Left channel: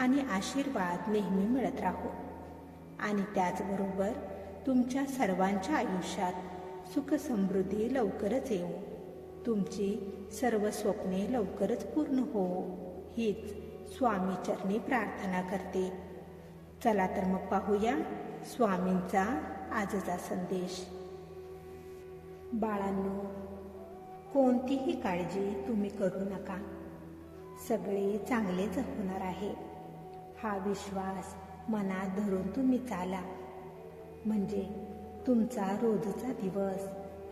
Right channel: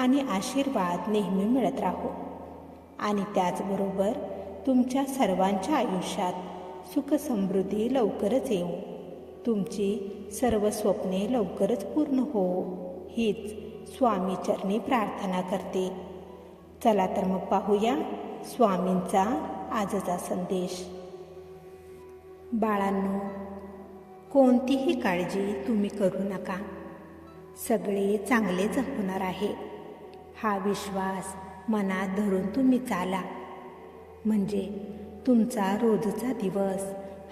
आणि आशीर्वाद नेहमी मिळत राहो. आणि त्याचबरोबर तुमच्या सर्वांच्या आयुष्यात सुखसमृद्धी लवकरच येऊ. तुमची सर्व स्वप्ने लवकरच पूर्ण हो. हीच स्वामीचरणी प्रार्थना करते. चला तर मग पाहूया स्वामींचा आजचा संदेश. बाळांनो कोणतीही काळजी तुम्ही करू नका. सगळे चांगलेच होणार आहे. हा विश्वास मनात धरून तुम्ही चाला. म्हणजे तुमचा रोजचा दिवस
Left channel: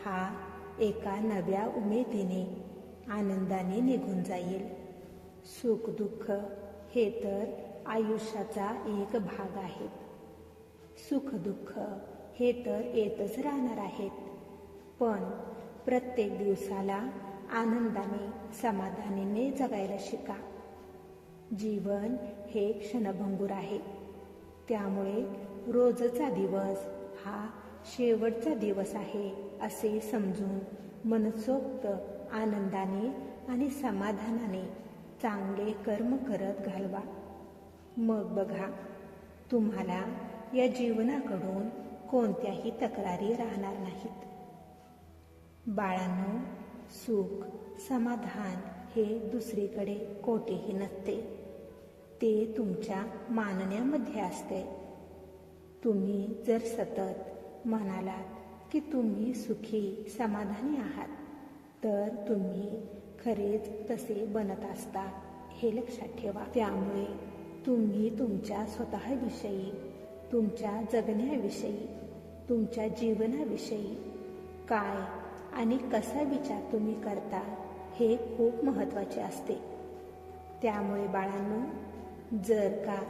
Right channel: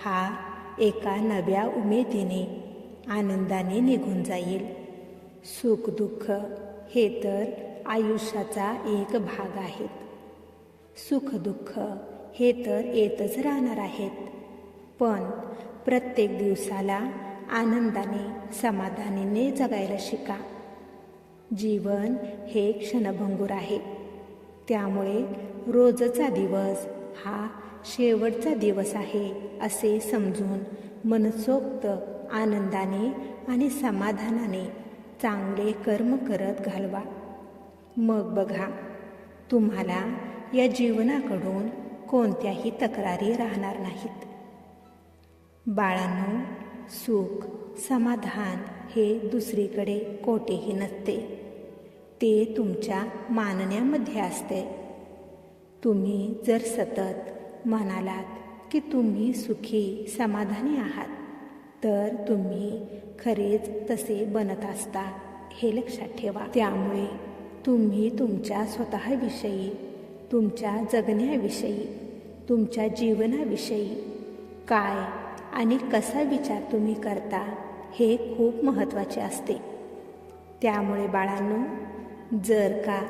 हा एका नव्या उमेदीने आनंदाने निघून जाईल. सुख दुःख हे तर आयुष्याचा एक भाग आहेत. सुख दुःख हे तर येतच राहणार आहेत. पण प्रत्येक दिवसाला आनंदाने समाधानीने जगायला शिका. जीवन हे क्षणभंगूर आहे. त्यामुळे रोजचा दिवस हा शेवटचा दिवस आहे असे समजून मनसोक्त आनंदाने आणि समाधानाने चांगले कर्म करत घालवा. मग बघा तुम्हाला या जीवनाकडून कोणत्याही तक्रारी राहणार नाहीत. बाळांनो सुख समाधान हे दुसरीकडे कोठेही नसते. ते तुमच्या मानण्यामध्ये असते. तुम्ही जर सतत म्हणालात की तुम्ही सुखी समाधानी आहात तर तुम्ही खरेच तसे बनत असता हे लक्षात ठेवा. त्यामुळे तुम्ही तुमच्या स्वतःविषयी तुमच्या जगण्याविषयी तुमच्या जीवनाविषयी काय आणि कसा विचार तुम्ही करता हे खूप महत्त्वाचे असते. त्यामुळे बाळांनो जर का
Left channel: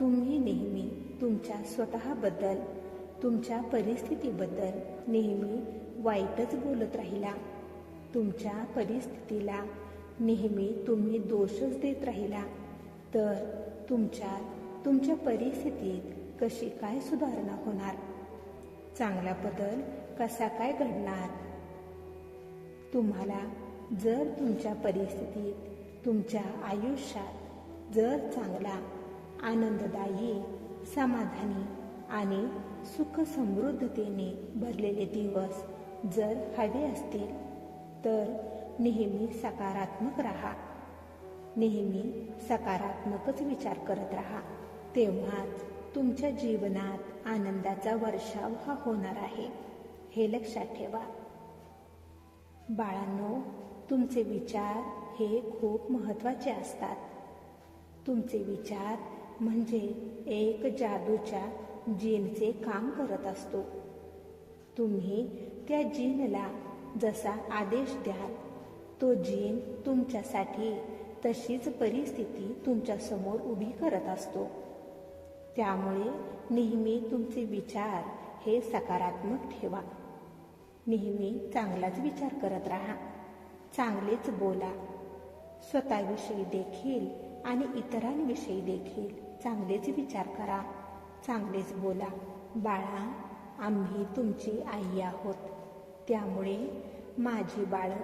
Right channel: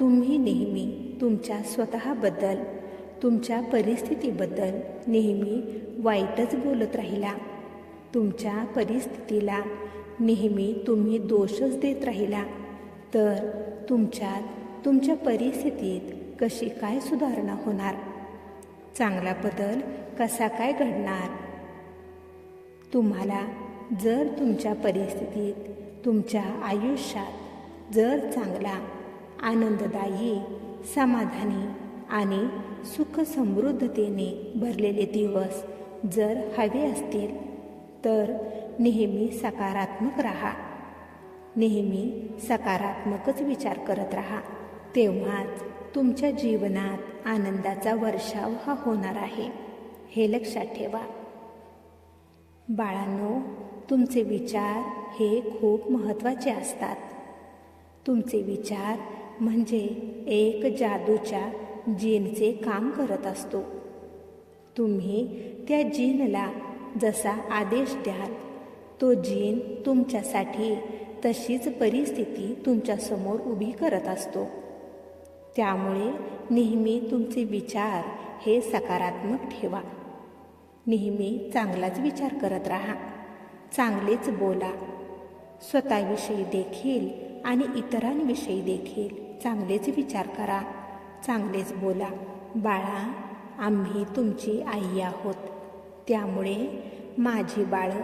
तुम्ही नेहमी तुमच्या स्वतःबद्दल तुमच्या परिस्थितीबद्दल नेहमी वाईटच बोलत राहिला तुमच्या परिस्थितीला नेहमी तुम्ही दोषच देत राहिला तर तुमच्यात तुमच्या परिस्थितीत कशी काय सुधारणा होणार? चांगला बदल कसा काय घडणार? तुम्हाला जर तुमच्या परिस्थितीत तुमच्या आयुष्यात जर चांगला आनंददायी समाधानी आणि सुख समृद्धतेने भरलेले दिवस जर हवे असतील तर नेहमी सकारात्मक राहा. नेहमी सकारात्मकच विचार करत राहा. तेव्हाच तुमच्या जीवनात आनंदाचा वर्षाव हा होणार आहे. हे लक्षात ठेवा. बाळांनो तुमचे विचार हे खूप महत्त्वाचे असतात. तुमचे विचार म्हणजे एक जादूच्या जीनचे काम करत असतो. तुम्ही त्या जीनला जसा आदेश द्याल तो जीन तुमच्यासाठी तशीच परिस्थिती तुमच्यासमोर उभी करत असतो. त्यामुळे नेहमी तुमचे विचार हे सकारात्मक ठेवा. नेहमी चांगलाच विचार करत राहा. चांगलेच बोला. स्वतःविषयी देखील आणि इतरांविषयी देखील चांगलेच विचार करा. चांगलेच बोला. बाळा आम्ही तुमची आई आहोत. त्यामुळे माझी बाळं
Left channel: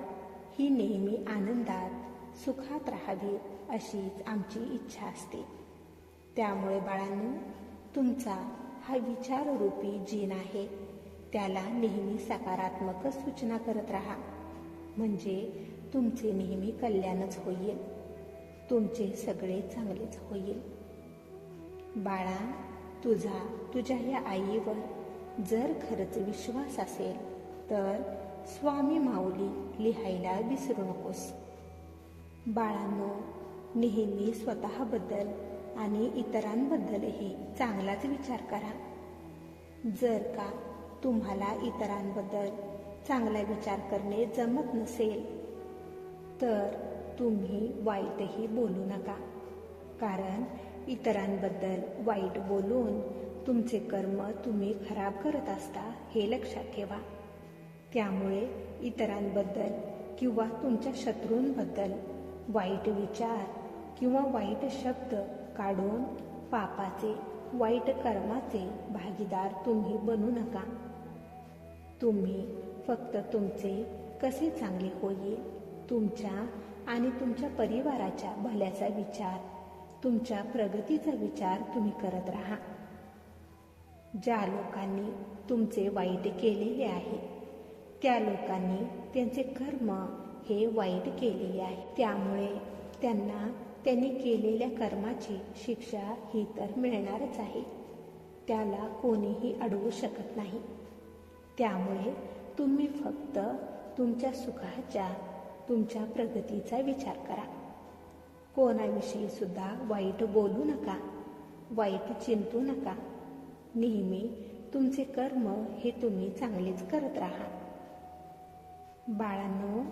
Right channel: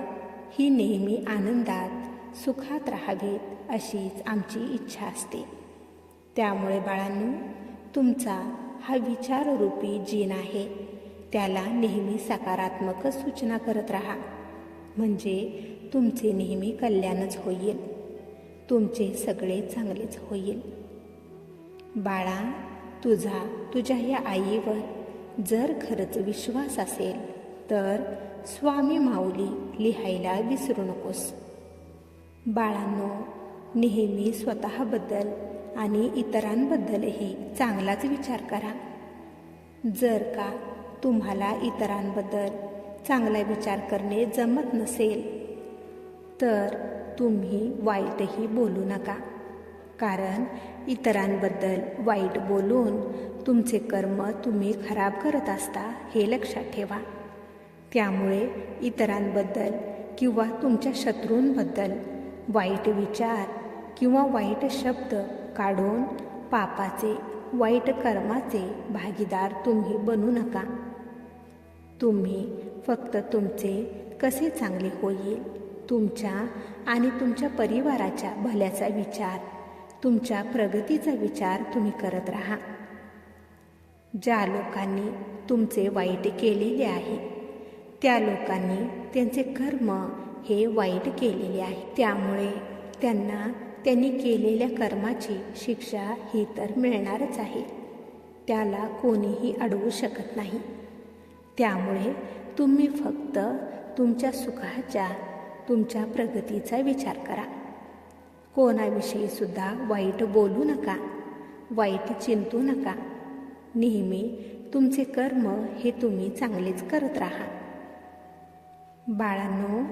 ही नेहमी आनंदात सुखात राहावीत अशीच आमची इच्छा असते. त्यामुळे बाळांनो तुमचा हा विचाररूपी जीन आहे. त्याला नेहमी सकारात्मक सूचना करत राहा. म्हणजे तुमचे नेहमी कल्याणच होईल. तुमचे सगळे चांगलेच होईल. बाळा तुझा तुझ्या या आईवर जर खरंच विश्वास असेल तर स्वामी माऊली लिहायला विसरू नकोस. बाळांनो नेहमी स्वतःबद्दल आणि इतरांबद्दलही चांगलाच विचार करा. जर का तुम्हाला इतरांबद्दल चांगला विचार करणे जमत नसेल तर तुम्ही वाईटही बोलू नका. कारण इतरांबद्दल वाईट बोलून तुमचे कर्म तुम्ही खराब करत असता हे लक्षात ठेवा. त्यामुळे इतरांबद्दल किंवा तुमच्या शत्रूंबद्दल वाईट विचार किंवा वाईट शब्द काढून पापाचे वाईट कर्माचे भागीदार तुम्ही बनू नका. तुम्ही फक्त तुमचे कसे चांगले होईल? तुमच्या आणि तुमच्या परिवाराच्या भल्याचा विचार तुमच्या प्रगतीचा विचार तुम्ही करत राहा. ज्या लोकांनी तुमचे वाईट केलेले आहे त्या लोकांनी त्यांचे कर्म हे वाईट केलेले आहे. त्यामुळे त्यांना त्यांनी केलेल्या कर्माची शिक्षा ही तर मिळणारच आहे. त्याला कोणीही अडवू शकत नाही. त्यामुळे तुम्ही फक्त तुमच्या सुखाच्या तुमच्या प्रगतीचा विचार करा. कोणाविषयी सुद्धा वाईट बोलू नका वाईट चिंतू नका. नेहमी तुमचे कर्म हे तुम्ही चांगलेच करत राहा. बाळांनो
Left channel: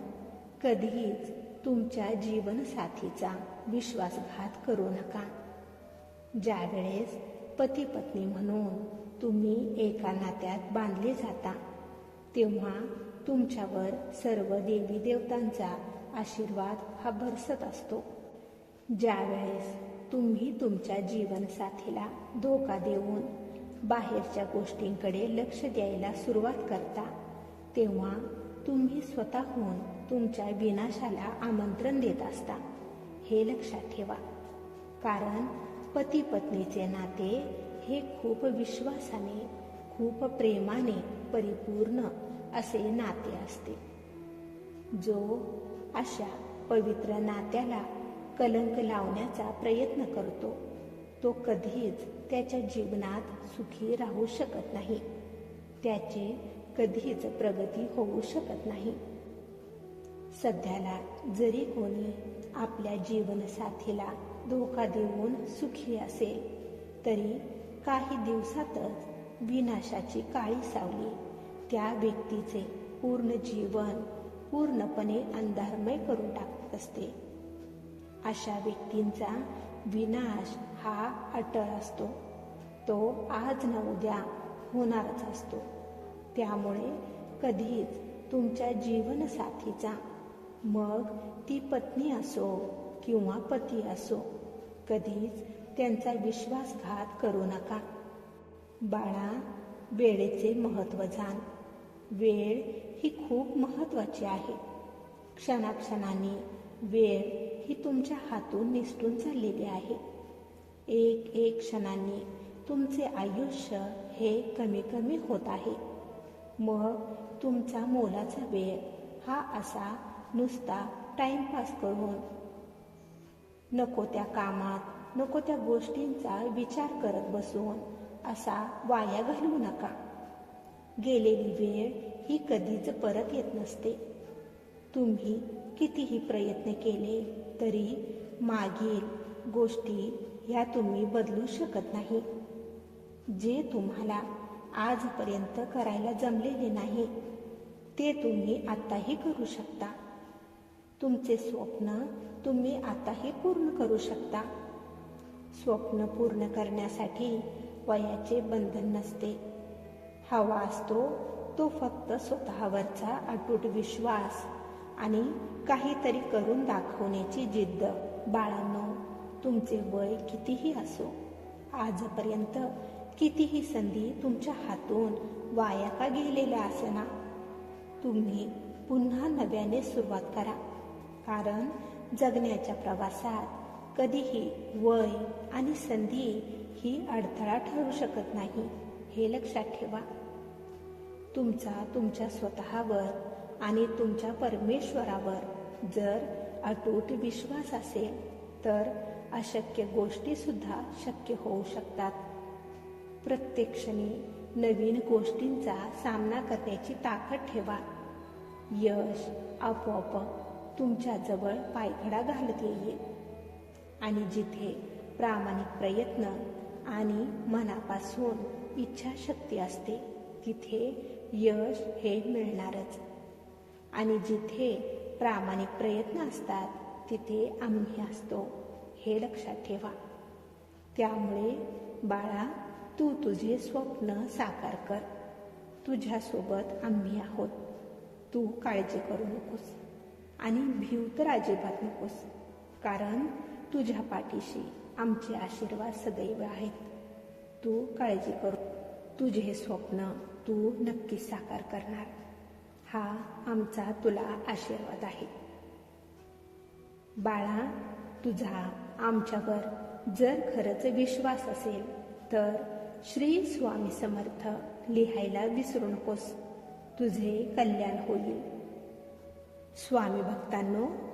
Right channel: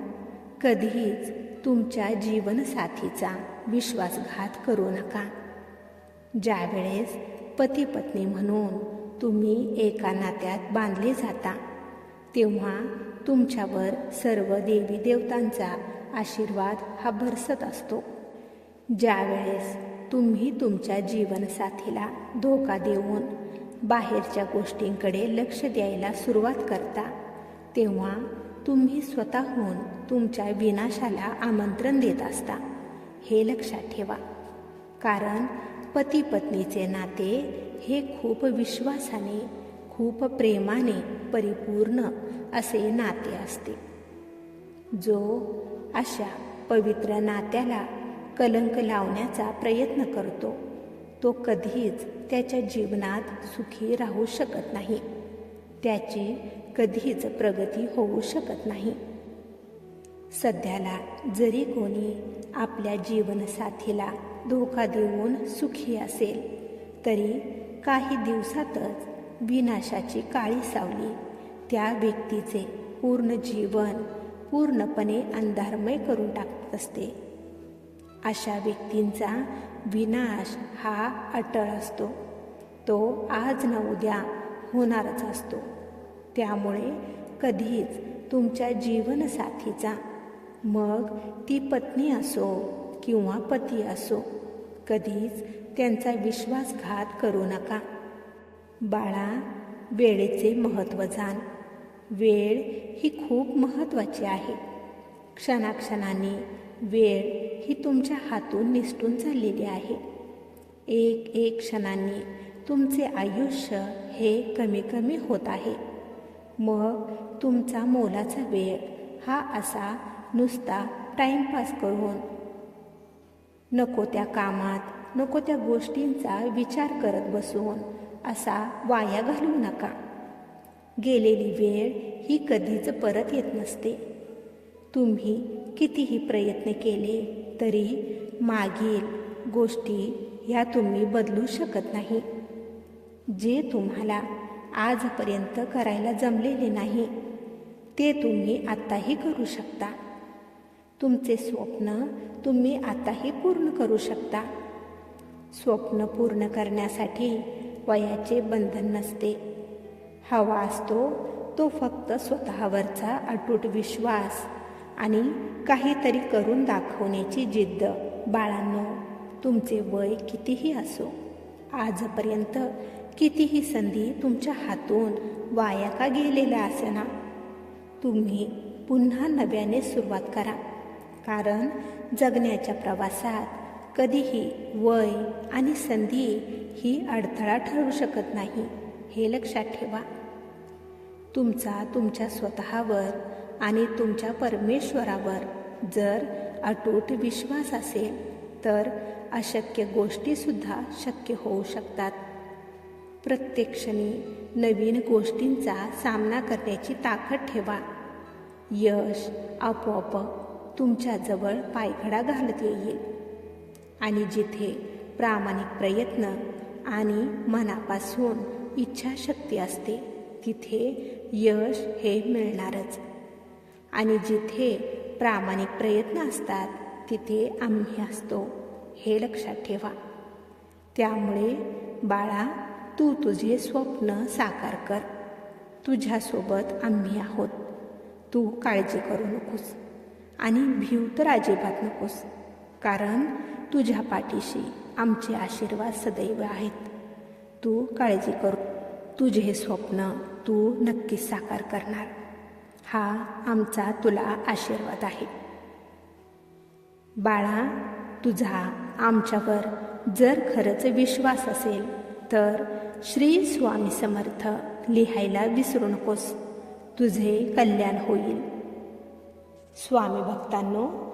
कधीच तुमच्या जीवनसाथीचा विश्वासघात करू नका. ज्यावेळेस पती पत्नी म्हणून तुम्ही एका नात्यात बांधले जाता तेव्हा तुमच्यावर सर्व देवी देवतांचा आशीर्वाद हा बरसत असतो. ज्यावेळेस तुम्ही तुमच्या जीवनसाथीला धोका देऊन बाहेरच्या गोष्टींकडे लक्ष द्यायला सुरुवात करता तेव्हा तुम्ही स्वतःहून तुमच्या विनाशाला आमंत्रण देत असता. हे लक्षात ठेवा. कारण पती पत्नीचे नाते हे खूप विश्वासाने खूप प्रेमाने परिपूर्ण असे नाते असते. जो अशा पवित्र नात्याला कलंक लावण्याचा प्रयत्न करतो तो कधीच त्याच्या जीवनात सुखी राहू शकत नाही. त्याची कधीच प्रगती होऊ शकत नाही. सध्याला जरी कोणी आपल्या जीवनसाथीला धोका देऊन सुखी असेल तरी काही दिवसातच विनाशाची काळी सावली. त्या व्यक्तीचे पूर्ण जीवन पूर्णपणे अंधारमय करून टाकत असते. अशा व्यक्तींचा विनाश हा अटळ असतो. तो आज न उद्या होणारच असतो. त्यामुळे कधीच तुमच्या जीवनसाथीचा मग ती पत्नी असो किंवा पती असो कधीच त्यांचा विश्वासघात करू नका. बाळा वेळेचे महत्त्व जाण. वेळ ही खूप महत्त्वाची आहे. क्षणाक्षणाने वेळ ही तुमच्या हातून निसटून चाललेली आहे. एक एक क्षणांनी तुमचे आयुष्य हे कमी कमी होत आहे. मग तुमचा मोलाचा वेळ हा असा नुसता टाईमपास करून. नको त्या कामात नको त्या गोष्टींचा विचार करत बसून. असा वाया घालवू नका. गेलेली वेळ ही कधीच परत येत नसते. तुम्ही कितीही प्रयत्न केले तरी मागील गोष्टी ह्या तुम्ही बदलू शकत नाही. जे तुम्हाला आजपर्यंत करायला जमलेले नाही ते तुम्ही आत्ताही करू शकता. तुमचे स्वप्न तुम्ही आताही पूर्ण करू शकता. स्वप्न पूर्ण करण्यासाठी वयाचे बंधन नसते. हवा असतो तो फक्त स्वतःवरचा अटूट विश्वास आणि काहीतरी करून दाखवण्याची जिद्द. बाळांनो तुमचे वय कितीही असो आजपर्यंत कितीही संधी तुमच्या हातून वाया का गेलेल्या असेना तुम्ही पुन्हा नव्याने सुरुवात करा. कारण जगण्याच्या प्रवासात कधीही वय आणि संधी ही अडथळा ठरू शकत नाही हे लक्षात ठेवा. तुमचा तुमच्या स्वतःवर आणि तुमच्या परमेश्वरावर जर अटूट विश्वास असेल तर अशक्य गोष्टीसुद्धा शक्य होऊ शकतात. प्रत्येक क्षणी नवीन गोष्टींचा सामना करण्याची ताकद ठेवा. यश आपोआप तुमच्याजवळ पायघडा घालत येईल. आणि जिथे प्रामाणिक प्रयत्न आणि मनापासून इच्छाशक्ती असते तिथे यश हे मिळणारच. आणि जिथे प्रामाणिक प्रयत्न असतात तिथे आम्ही असतो हे लक्षात ठेवा. त्यामुळे बाळा तू तुझे स्वप्न साकार कर. तुझ्यासोबत आम्ही आहोत. तू काळजी करू नकोस आणि भीव तर अजिबात नकोस. कारण तुझ्या पाठीशी आमचे आशीर्वाद सदैव आहेत. तू काळजी करू. तुझे हे स्वप्न तू नक्कीच साकार करणार. हा आमचा तुला आशीर्वाद आहे. बाळा तुझा आमच्यावर जर खरंच विश्वास असेल तर श्री स्वामी समर्थ लिहायला विसरू नकोस. तुझे कल्याण होईल. स्वामी भक्तांनो